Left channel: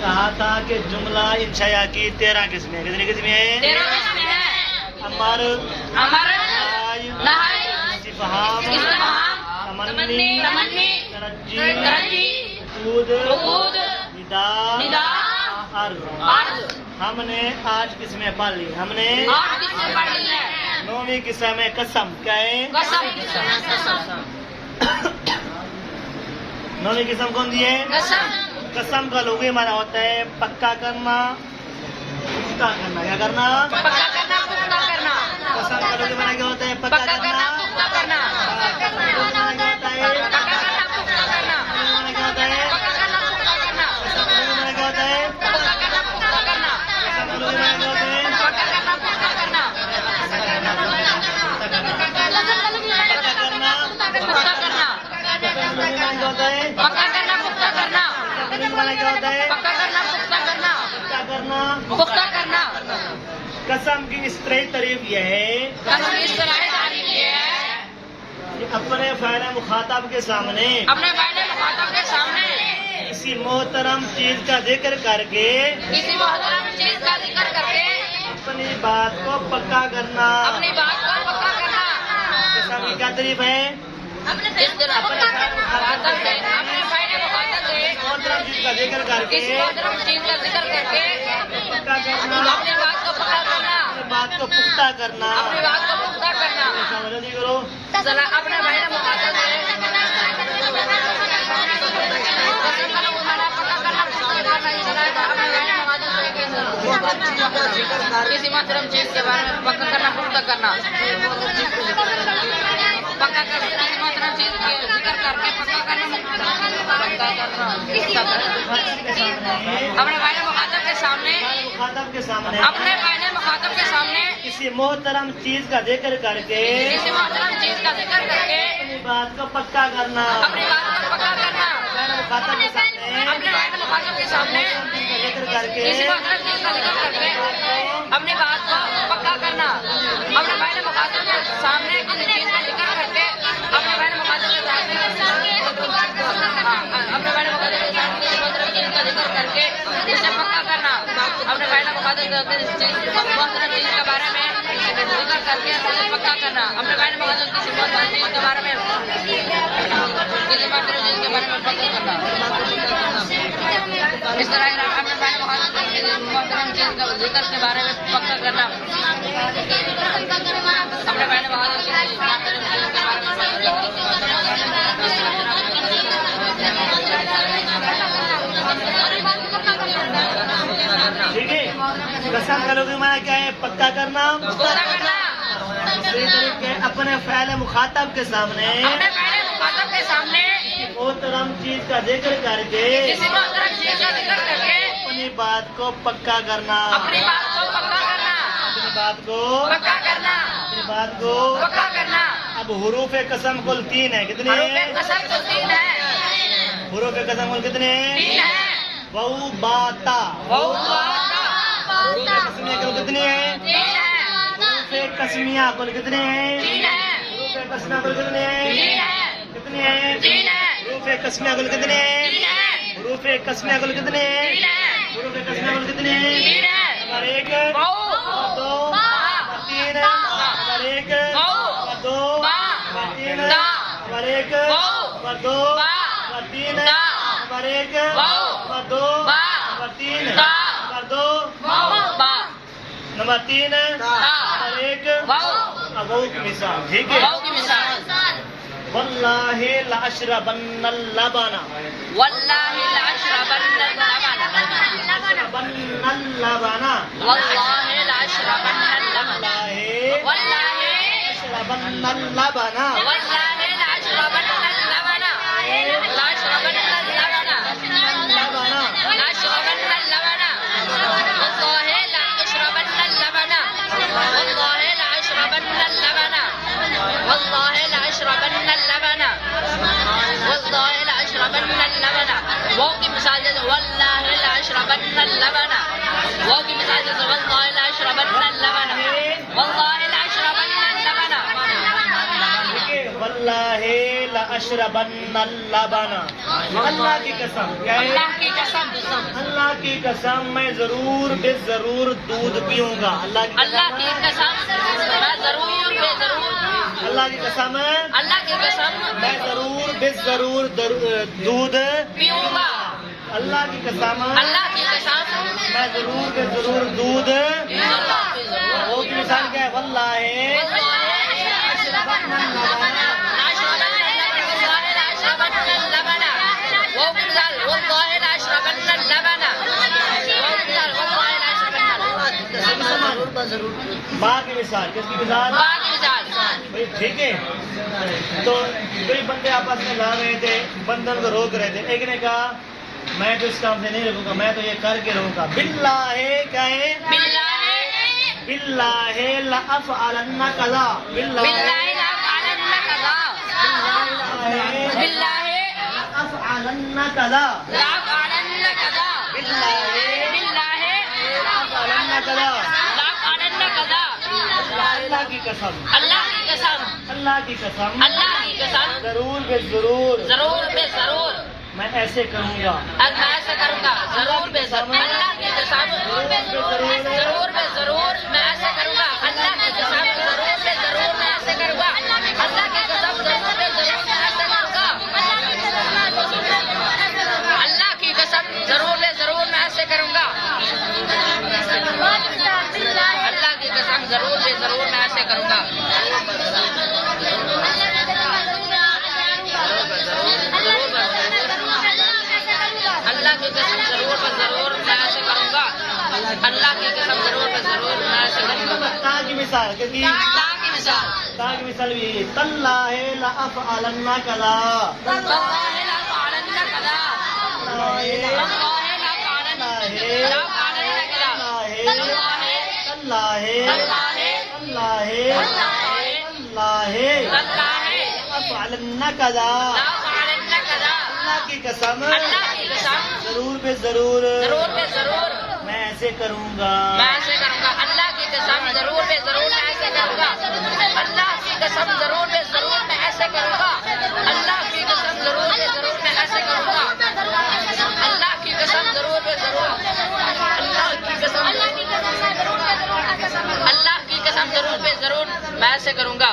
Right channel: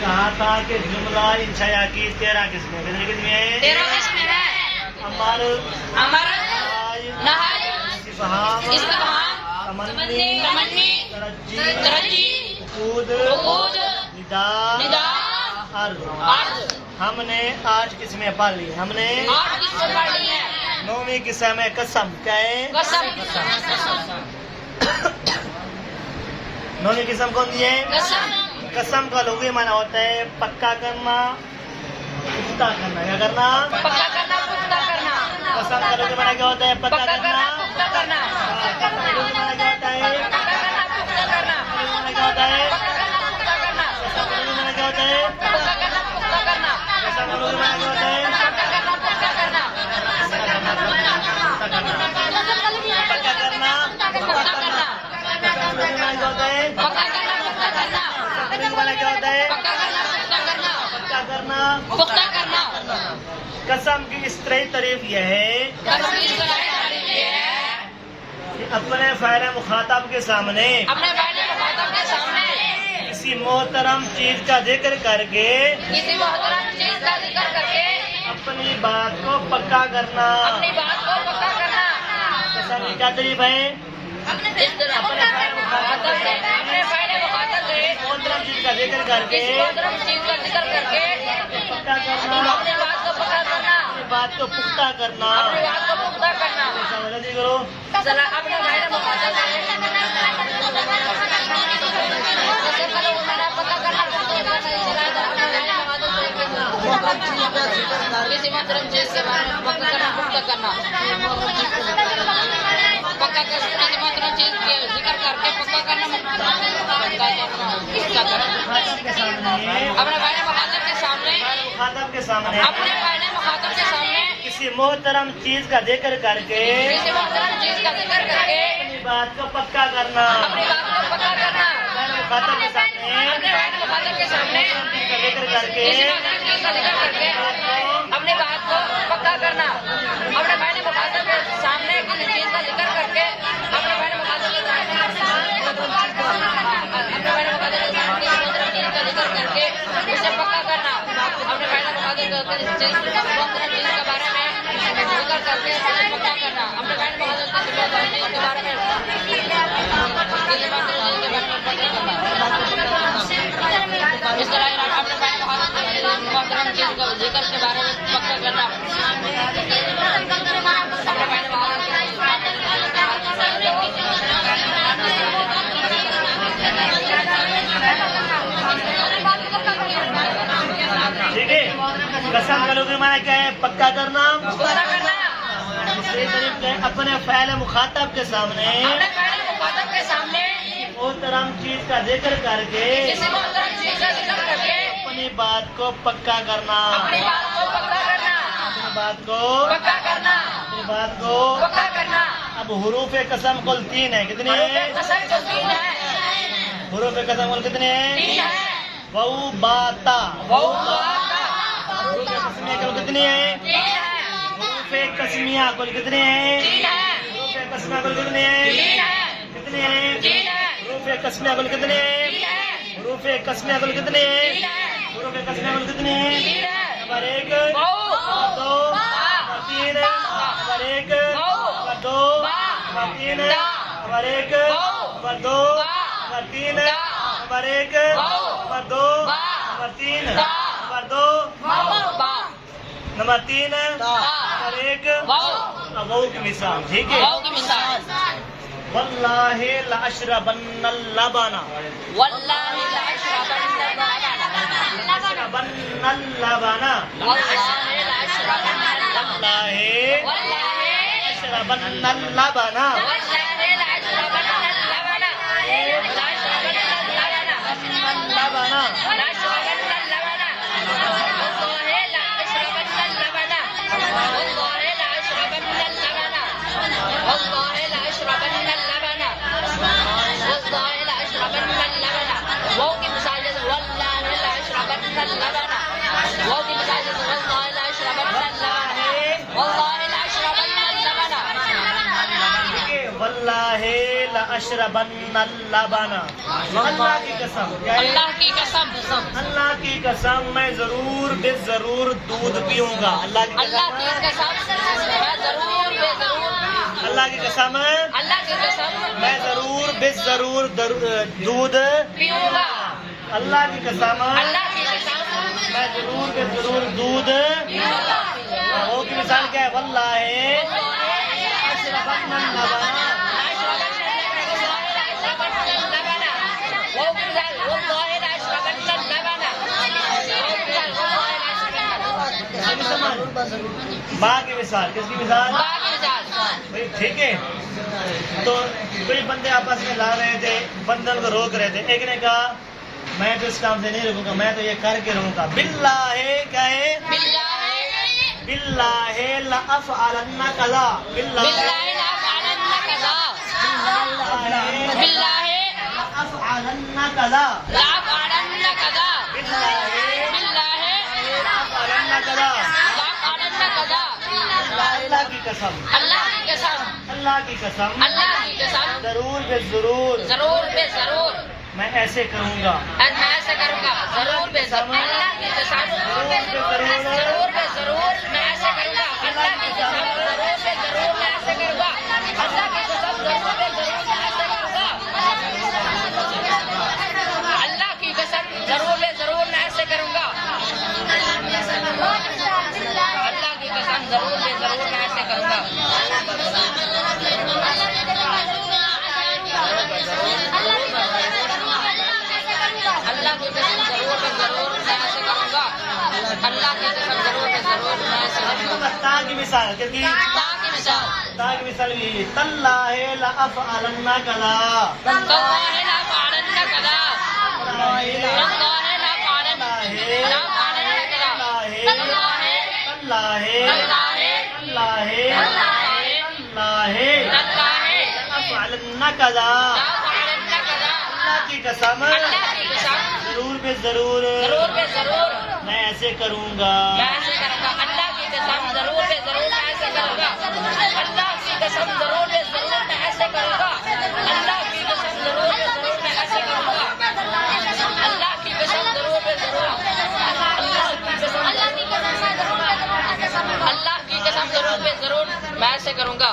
کہا تھا کہ جملہ انشاء کی 13 قسمیں. کتنی قسمیں ہیں؟ 13 قسمیں ہیں. امر، نہائی، استفہام، تمنی، ترجی، عقود، ندا، ندا، عرض. ہم نے 8 قسمیں پڑھ لی. ہم نے 8 قسمیں پڑھ لی ہیں. 9ویں قسم ہے قسم. کیا ہے؟ قسم. 9ویں قسم کون سی ہے؟ قسم. قسم کا لغوی معنی ہوتا ہے پکا کرنا، پختہ کرنا. کیا کرنا؟ پکا کرنا، پختہ کرنا. قسم کا لغوی معنی کیا ہوتا ہے؟ پکا کرنا، پختہ کرنا. قسم کا لغوی معنی کیا ہوتا ہے؟ پکا کرنا، پختہ کرنا. معنی کیا ہوتا ہے؟ پکا کرنا، پختہ کرنا. قسم کا لغوی معنی کیا ہوتا ہے؟ پکا کرنا، پختہ کرنا. قسم کا لغوی معنی کیا ہوتا ہے؟ پکا کرنا، پختہ کرنا. پکا کرنا، پختہ کرنا. قسم کا لغوی معنی کیا ہوتا ہے؟ پکا کرنا، پختہ کرنا. قسم کا لغوی معنی کیا ہوتا ہے؟ پکا کرنا، پختہ کرنا. پکا کرنا. پختہ کرنا. قسم کی اصطلاحی تعریف یہ ہے قسم کی اصطلاحی تعریف یہ ہے کہ اپنے فاعل مخاطب کے سامنے اپنے فاعل مخاطب کے سامنے کسی محترم چیز کا ذکر کر کے کسی محترم چیز کا ذکر کر کے اپنی بات کو پکا کرنا. اپنی بات کو پکا کرنا. قسم کی کیا تعریف ہے؟ اس طرح مخاطب سے اپنے فاعل مخاطب سے محترم چیز کا ذکر کر کے کسی محترم چیز کا ذکر کر کے پکا کرنا، اپنی بات کو پکا کرنا. اپنی بات کو پختہ کرنا. اپنی بات کو پختہ کرنا. غلطی کرو. اپنے فاعل مخاطب سے پکا کرنا، پختہ کرنا. کسی محترم چیز کے بارے میں پکا کرنا، پختہ کرنا. پکا کرنا، کسی محترم چیز کے ذکر کر کے پکا کرنا، پکا کرنا. مخاطب کے سامنے اپنے فاعل مخاطب کے سامنے مخاطب کے سامنے اپنے فاعل مخاطب کے سامنے کسی محترم چیز کا ذکر کر کے کسی محترم چیز کا ذکر کر کے اپنی بات کو پکا کرنا. اپنی بات کو پکا کرنا. مخاطب کے سامنے اپنے فاعل مخاطب کے سامنے چیز کا ذکر کر کے کسی محترم چیز کا ذکر کر کے اپنی بات کو پکا کرنا. اپنے فاعل مخاطب کے سامنے کسی چیز کا ذکر کر کے اپنے فاعل مخاطب کے سامنے اپنے فاعل مخاطب کے سامنے کسی محترم چیز کا ذکر کر کے اسے پکا کرنا. اپنے فاعل مخاطب کے محترم چیز کے بارے میں ذکر کر کے اسے پکا کرنا. اپنے فاعل مخاطب کسی محترم چیز کے بارے میں پکا کرنا. اس طرح اپنے فاعل مخاطب کے محترم چیز کا ذکر کے بارے میں پکا کرنا. اپنے فاعل مخاطب ٹھیک ہے. قسم کا لغوی معنی کیا ہے؟ پکا کرنا. پختہ کرنا. دوسری طریق ہے اپنے فعل مخاطب کے سامنے اپنے فاعل مخاطب کے سامنے محترم چیز کا ذکر کر کے کسی محترم چیز کا ذکر کر کے اپنی بات کو پکا کرنا. اپنی بات کو پکا کرنا. اپنی بات کو پکا کرنا. اپنی بات کو پکا کرنا. اب حروف قسم کل 3 ہے. کتنے حروف ہیں؟ قسم کو 3 ہے. حروف قسم کل کتنے ہیں؟ 3 ہے. واو با تا. حروف قسمیہ کل کتنی ہیں؟ 3 ہے. حروف قسمیہ کل کتنے ہیں؟ 3 ہے. حروف قسمیہ کل کتنے ہیں؟ 3 ہے. کتنے ہیں؟ 3 ہے. حروف قسمیہ کل کتنے ہیں؟ 3 ہے. حروف قسمیہ کل کتنے ہیں؟ 3 ہے. حروف قسمیہ کل کتنے ہیں؟ 3 ہے. Number 1 wow, number 2 number 3 number 1 number 2 number 3 number 1 number 2 number 3 number 1 number 2 number 3 number 2 با، نمبر 3 نمبر 1 واو. واو کی مثال. ٹھیک ہے. واو کی مثال. واللہ لاشربن اللبن. واللہ لاشربن اللبن. لاشربن اللبن. واللہ لاشربن اللبن. واللہ واللہ لاشربن اللبن. واللہ لاشربن اللبن. لاشربن اللبن. اللبن. لاشربن اللبن. واللہ لاشربن اللبن. واللہ لاشربن اللبن. واللہ لاشربن اللبن. واللہ لاشربن اللبن. واو کی مثال جیسے واللہ لاشربن اللبن. واو کی مثال جیسے واللہ لاشربن اللبن. واللہ لاشربن اللبن. ٹھیک ہے. واللہ لاشربن اللبن. اللہ کی قسم. کیا ہے؟ اللہ کی قسم. اللہ کی قسم میں ضرور بے ضرور دودھ پیوں گا. اللہ کی اللہ کی قسم میں ضرور بے ضرور اللہ کی قسم اللہ کی قسم میں ضرور بے ضرور دودھ پیوں گا. اللہ کی قسم اللہ کی قسم میں ضرور بے ضرور دودھ. پیوں گا. وہ کی مثال کیا ہے؟ واللہ با کی مثال. کس کی مثال؟ بھائی ٹھیک ہے. تو کئی بندے آپس میں لا رہے تھے, بندن کو روک رہے تھے. ایک نے کہا میں تو اس کام سے نہیں رکوں گا, میں تو یہ کر کے رہوں گا. باللہ کیا ہے؟ باللہ لأفعلن کذا. باللہ لأفعلن کذا. باللہ لأفعلن کذا. اللہ کی قسم اللہ کی قسم اللہ کی قسم اللہ کی قسم ضرور بے ضرور ضرور بے ضرور میں ایسے کروں گا. میں ایسا کروں گا. ضرور بے ضرور اللہ کی قسم ضرور بے ضرور میں ایسا کروں گا. اللہ کی قسم ضرور بے ضرور میں ایسا کروں گا. اللہ کی قسم ضرور بے ضرور میں ایسا کروں گا. اللہ کی قسم ضرور بے ضرور میں ایسے کروں گا. اللہ کی قسم ضرور بے ضرور میں ایسے کروں گا. اللہ کی قسم ضرور بے ضرور میں ایسے کروں گا. اللہ کی قسم ضرور بے ضرور میں ایسے کروں گا. تا کی مثال کیونکہ تا کی مثال تا کی مثال یہی ہے. تاللہ لأفعلن کذا. واللہ لأفعلن کذا. واللہ لأفعلن کذا. اللہ کی قسم اللہ کی قسم ضرور بے ضرور ضرور بے ضرور میں ایسے کروں گا. میں ایسے کروں گا. اللہ کی قسم ضرور بے ضرور میں ایسے کروں گا. اللہ کی قسم ضرور بے ضرور میں ایسے کروں گا. اللہ کی قسم ضرور بے ضرور میں ایسے کروں گا. اللہ کی قسم ضرور بے ضرور اللہ کی قسم ضرور بے ضرور میں ایسے کروں گا.